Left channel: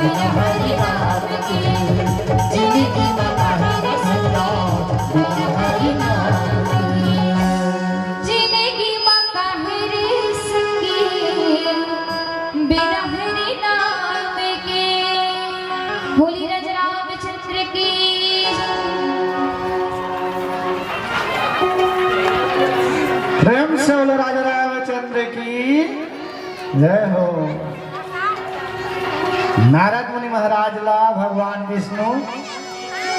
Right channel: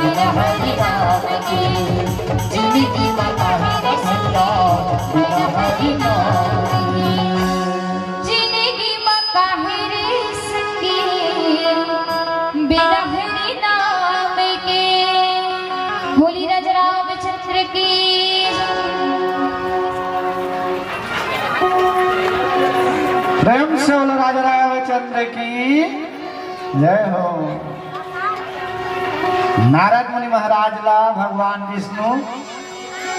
बिना हरि नाम के जिंदगी में काहे रे संता बिना हरि नाम के जिंदगी में काहे रे संगी बिना हरि नाम के। बोली राजा रामचंद्र की प्रेम से बोलो राजा रामचंद्र की जय हो। नारद मुनि महाराज ला भगवान विष्णु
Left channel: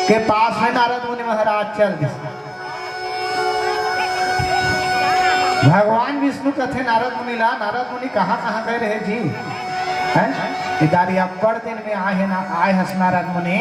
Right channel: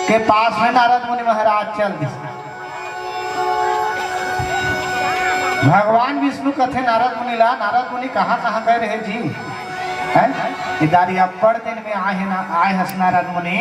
के पास में नारद मुनि महाराज चल गए। भगवान विष्णु कथे नारद मुनि ला, नारद मुनि कहाँ कहाँ गए रहे जी? इदारी अपर दिन में आए हस नारद मुनि।